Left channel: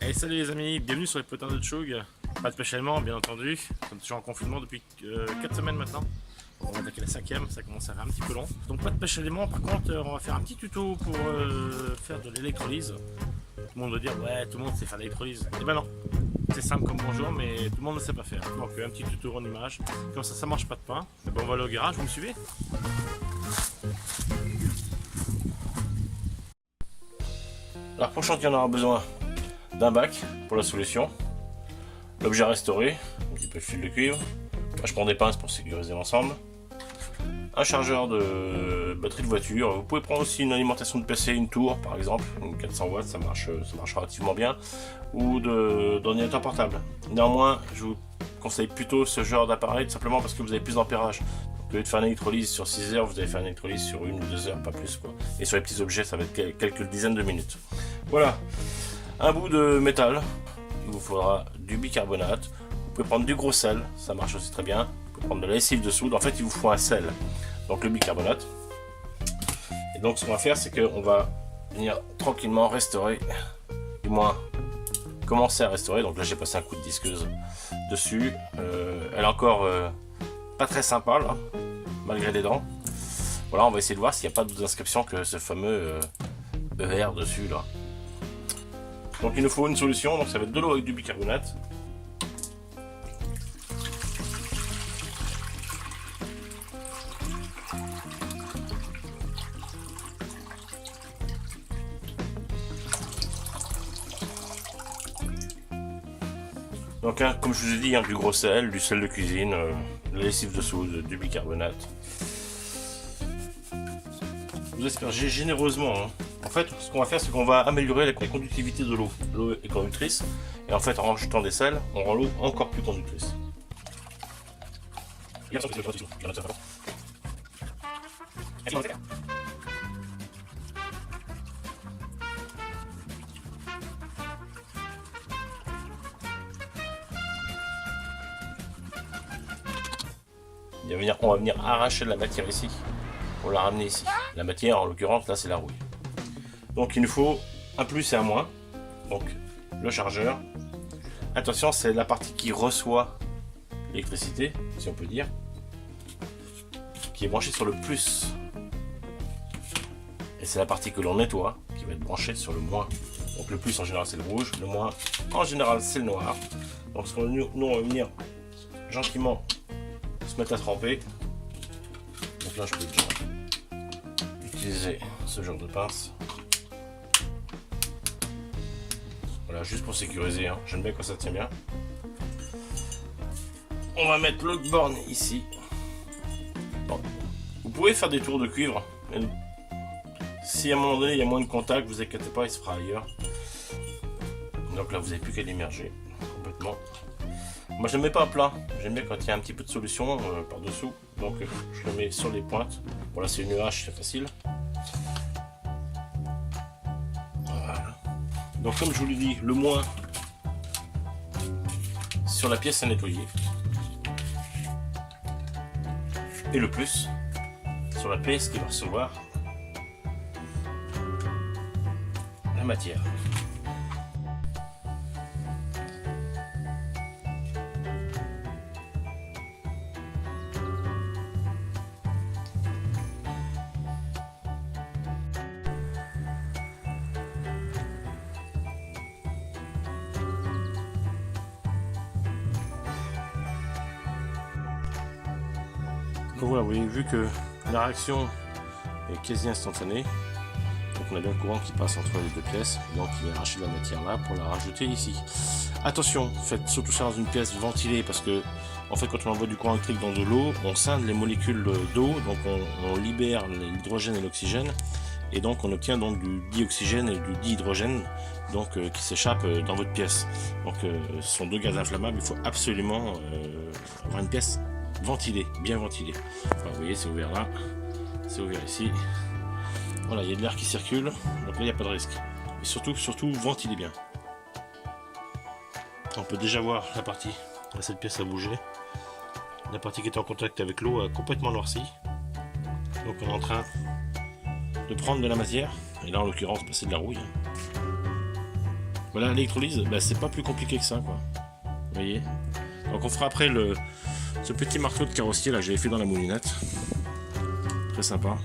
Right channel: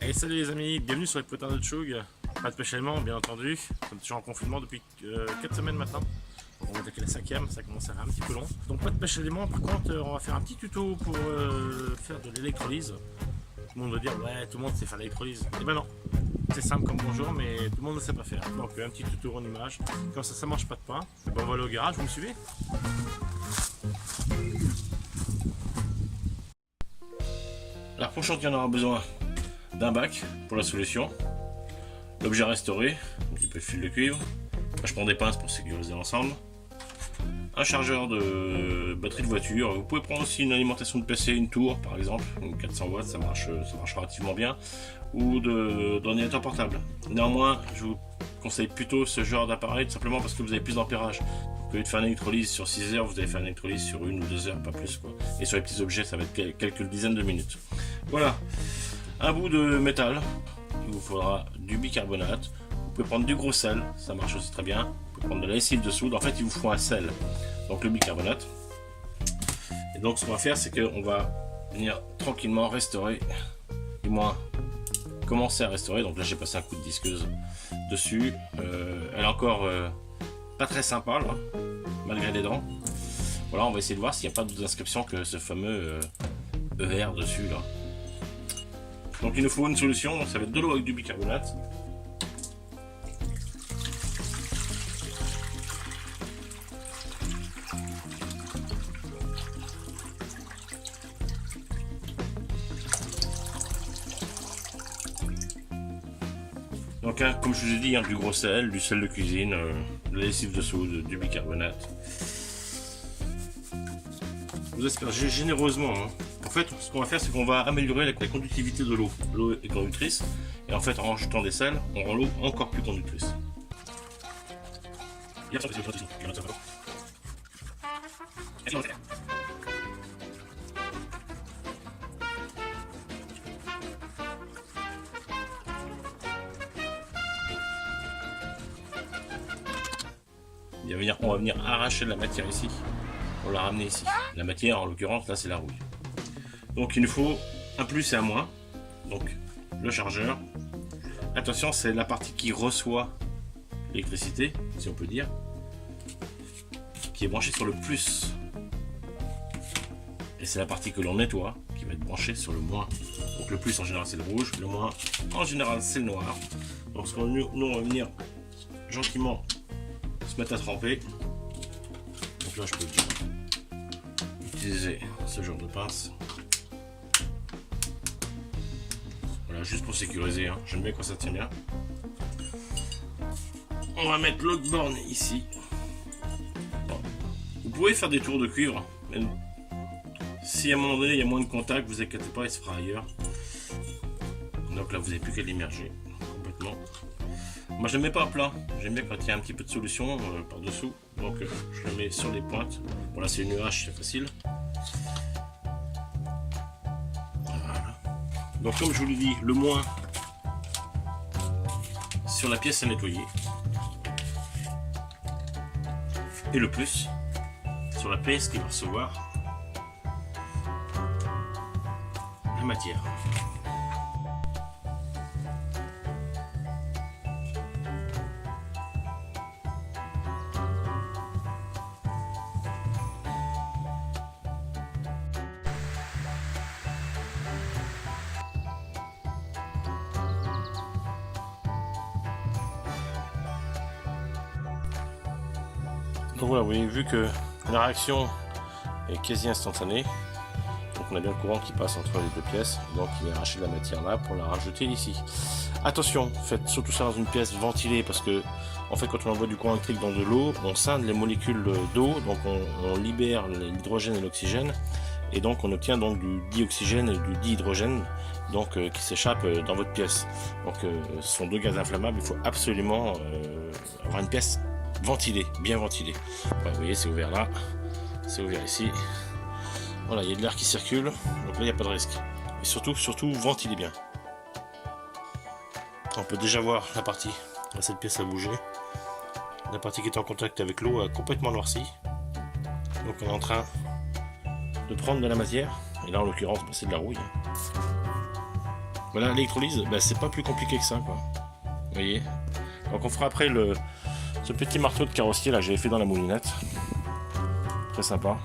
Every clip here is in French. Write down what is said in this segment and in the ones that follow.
Hey, salut les amis, bienvenue sur les potins de Tchoug. Pas de pêche aliments, bien entendu. Nous sommes toujours en confinement depuis 4 semaines maintenant. Donc on va attaquer la 5e, ça commence à faire un petit peu long. Donc pas de pêche aliments, par contre on va faire un petit tuto pour faire de l'électrolyse. Tout le monde va dire ouais, tout le monde sait faire de l'électrolyse. Et ben non, c'est simple comme bonjour, mais tout le monde ne sait pas faire. Donc un petit tuto en image, comme ça mange pas de pain. Et ben on va aller au garage, vous me suivez? Alors pour chantier on aura besoin d'un bac pour la solution, l'objet à restaurer, un petit peu de fil de cuivre, moi je prends des pinces pour sécuriser l'ensemble, un chargeur de batterie de voiture, vous pouvez prendre aussi une alimentation de PC, une tour par exemple, une 400 watts, ça marche relativement bien, ou d'ordinateur portable. Néanmoins je vous conseille plutôt ce genre d'appareil tout simplement parce que vous avez plus d'ampérage. Au lieu de faire une électrolyse sur 6 heures, vous allez faire une électrolyse sur 1 ou 2 heures, pas plus quoi. Et sur les petits objets ça va être quelques dizaines de minutes. Voilà. Un bout de métal, il vous faudra du bicarbonate, vous pouvez prendre du gros sel, ça marche aussi très bien, vous pouvez prendre de la lessive de soude, en fait il vous faut un sel, donc le bicarbonate. Et donc ce qu'on va faire c'est qu'on va venir tranquillement restaurer, du moins commencer à restaurer, donc là j'ai passé un coup de disqueuse dessus, elle est encore pas très sympa là, malgré les dents. Voilà, on va essayer de voir s'il n'y a pas d'autres inscriptions que ce fameux ER dessus là. Donc il nous faut une solution, donc ça va être de l'eau avec du bicarbonate. Donc comme je vous ai dit, du gros sel, du sel de cuisine, de la lessive de soude, du bicarbonate. Vous aspergez généreusement. En fait, ce qu'on va faire, c'est qu'on va améliorer la conductivité de l'eau. L'eau est conductrice, et en fait, en rajoutant des sels, on rend l'eau encore plus conductrice. Il on va venir arracher la matière ici, pour la ramener ici. La matière, en l'occurrence, là, c'est la rouille. Donc il nous faut un plus et un moins. Donc le chargeur. Attention, c'est la partie qui reçoit l'électricité, si on peut dire, qui est branchée sur le plus. Et c'est la partie que l'on nettoie, qui va être branchée sur le moins. Donc le plus en général c'est le rouge, le moins en général c'est le noir. Donc nous on va venir gentiment se mettre à tremper. Donc là je peux déjà utiliser ce genre de pince. Voilà, juste pour sécuriser, hein. J'aime bien quand ça tient bien. On va mettre l'autre borne ici. Bon. Vous pouvez faire des tours de cuivre. Si à un moment donné il y a moins de contact, vous inquiétez pas, il se fera ailleurs. Donc là vous n'avez plus qu'à l'immerger complètement. Moi je ne mets pas à plat, j'aime bien quand il y a un petit peu de solution par dessous. Donc je le mets sur les pointes. Bon là c'est une hache, c'est facile. Donc comme je vous l'ai dit, le moins sur la pièce à nettoyer et le plus sur la pièce qui va recevoir la matière. Donc voilà, vous avez vu que la réaction est quasi instantanée. Donc on a bien le courant qui passe entre les deux pièces. Et donc il vient arracher de la matière là pour la rajouter ici. Attention, faites surtout ça dans une pièce ventilée parce que en fait quand on envoie du courant électrique dans de l'eau, on scinde les molécules d'eau, donc on libère l'hydrogène et l'oxygène. Et donc on obtient donc du dioxygène et du dihydrogène donc, qui s'échappent dans votre pièce. Donc ce sont deux gaz inflammables, il faut absolument avoir une pièce ventilé, bien ventilé. Voilà, vous voyez, c'est ouvert là, c'est ouvert ici. Voilà, il y a de l'air qui circule, donc là il n'y a pas de risque. Et surtout ventilez bien. On peut déjà voir la partie, là, cette pièce a bougé. La partie qui est en contact avec l'eau a complètement noirci. Donc on est en train de prendre de la matière, et là en l'occurrence bah, c'est de la rouille. Voilà, l'électrolyse, bah, c'est pas plus compliqué que ça, quoi. Vous voyez. Donc on fera après ce petit marteau de carrossier là que j'avais fait dans la moulinette. Très sympa.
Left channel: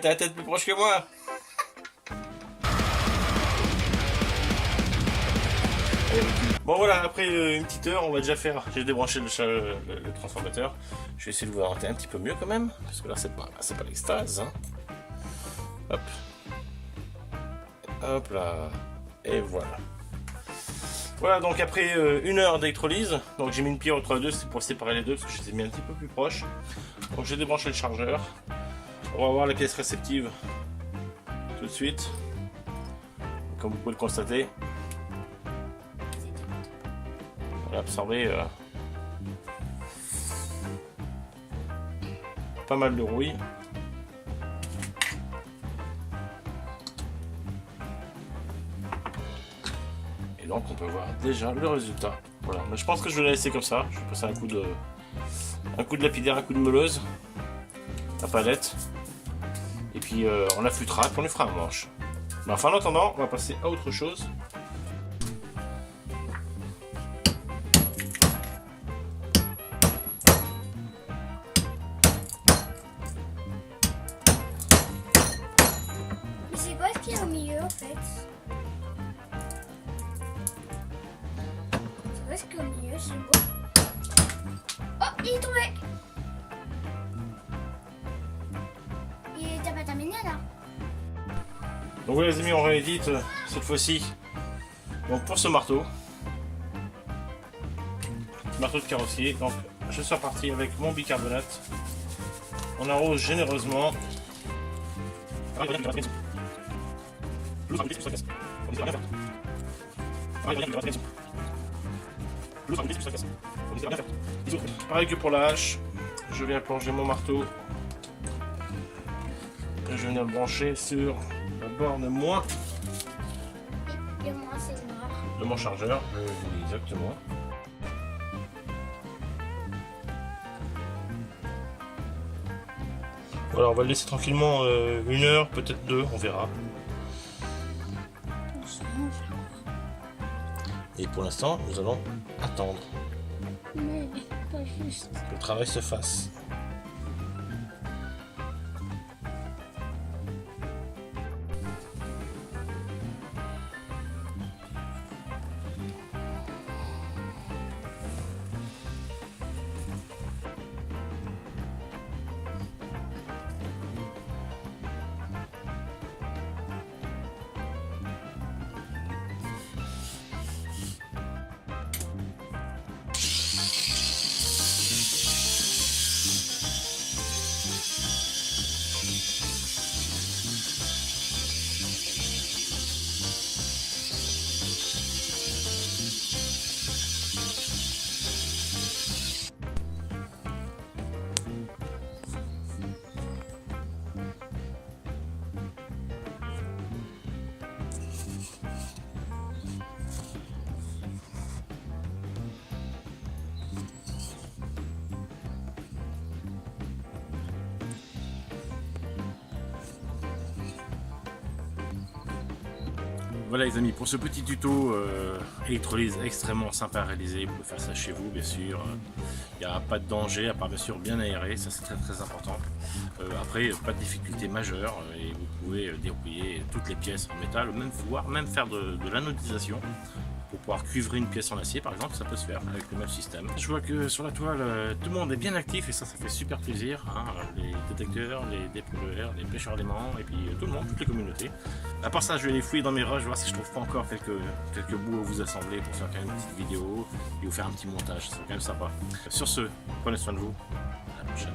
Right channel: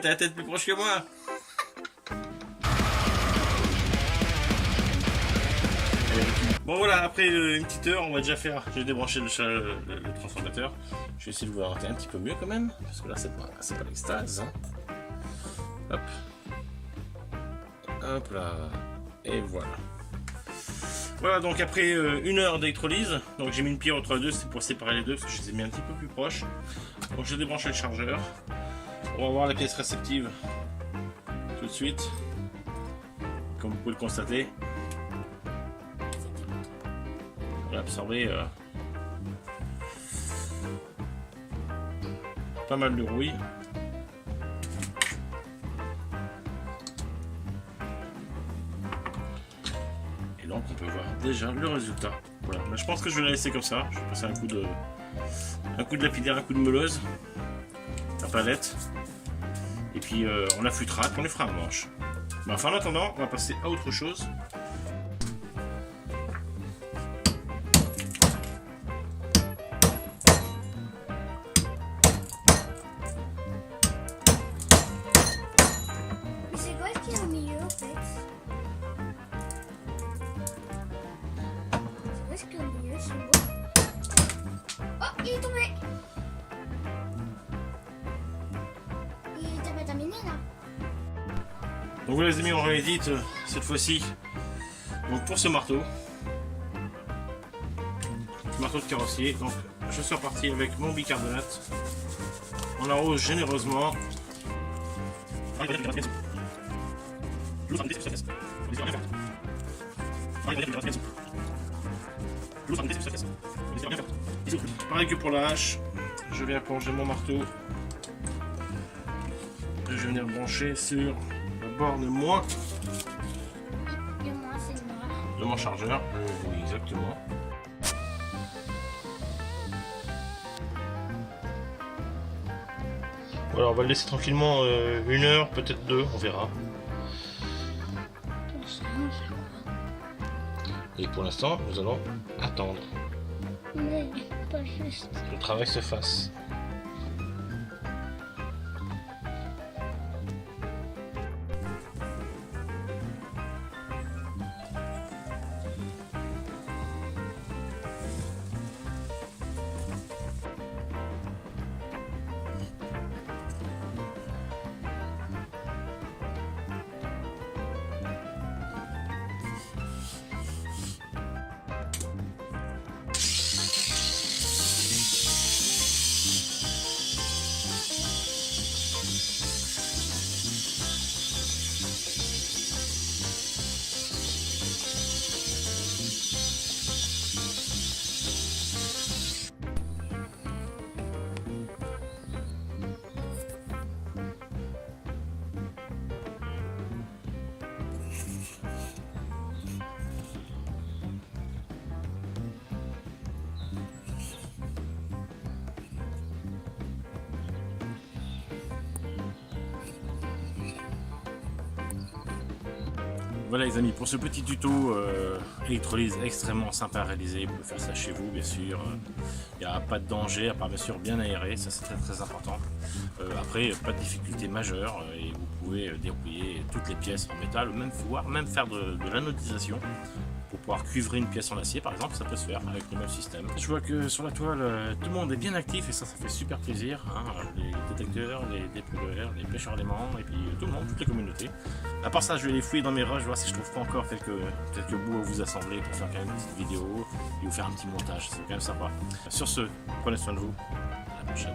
T'as la tête plus proche que moi. Bon voilà, après une petite heure, on va déjà faire. J'ai débranché le transformateur. Je vais essayer de voir un petit peu mieux quand même, parce que là c'est pas l'extase. Hein. Hop. Hop là. Et voilà. Voilà, donc après une heure d'électrolyse, donc j'ai mis une pierre entre les deux, c'est pour séparer les deux, parce que je les ai mis un petit peu plus proches. Donc j'ai débranché le chargeur. On va voir les pièces réceptives tout de suite. Comme vous pouvez le constater, on a absorbé pas mal de rouille. Et donc on peut voir déjà le résultat. Voilà, mais je pense que je vais la laisser comme ça. Je vais passer un coup de lapidaire, un coup de meuleuse, la palette. Et puis on affûtera, puis on les fera en manche. Mais enfin en attendant, on va passer à autre chose. C'est quoi ce qu'il y a au milieu en fait? C'est quoi ce qu'il y a au milieu? C'est quoi? Oh, il est tombé! T'as pas terminé là? Donc voilà les amis, on réédite cette fois-ci. Donc pour ce marteau de carrossier, donc je suis reparti avec mon bicarbonate. On arrose généreusement. Pareil que pour la hache, je viens plonger mon marteau. Je viens le brancher sur la borne moins de mon chargeur. Exactement. Voilà, on va le laisser tranquillement une heure, peut-être deux, on verra. Et pour l'instant, nous allons attendre que le travail se fasse. Voilà les amis, pour ce petit tuto électrolyse extrêmement sympa à réaliser, vous pouvez faire ça chez vous bien sûr. Il n'y a pas de danger, à part bien sûr bien aéré, ça c'est très important. Après, pas de difficulté majeure et vous pouvez dérouiller toutes les pièces en métal, ou même faire de l'anodisation. Pour pouvoir cuivrer une pièce en acier par exemple, ça peut se faire avec le même système. Je vois que sur la toile, tout le monde est bien actif et ça fait super plaisir. Hein. Les détecteurs, les dépollueurs, les pêcheurs d'aimants et puis tout le monde, toutes les communautés. À part ça, je vais les fouiller dans mes rushs, voir si je trouve pas encore quelques bouts à vous assembler pour faire quand même une petite vidéo et vous faire un petit montage, c'est quand même sympa. Sur ce, prenez soin de vous, à la prochaine.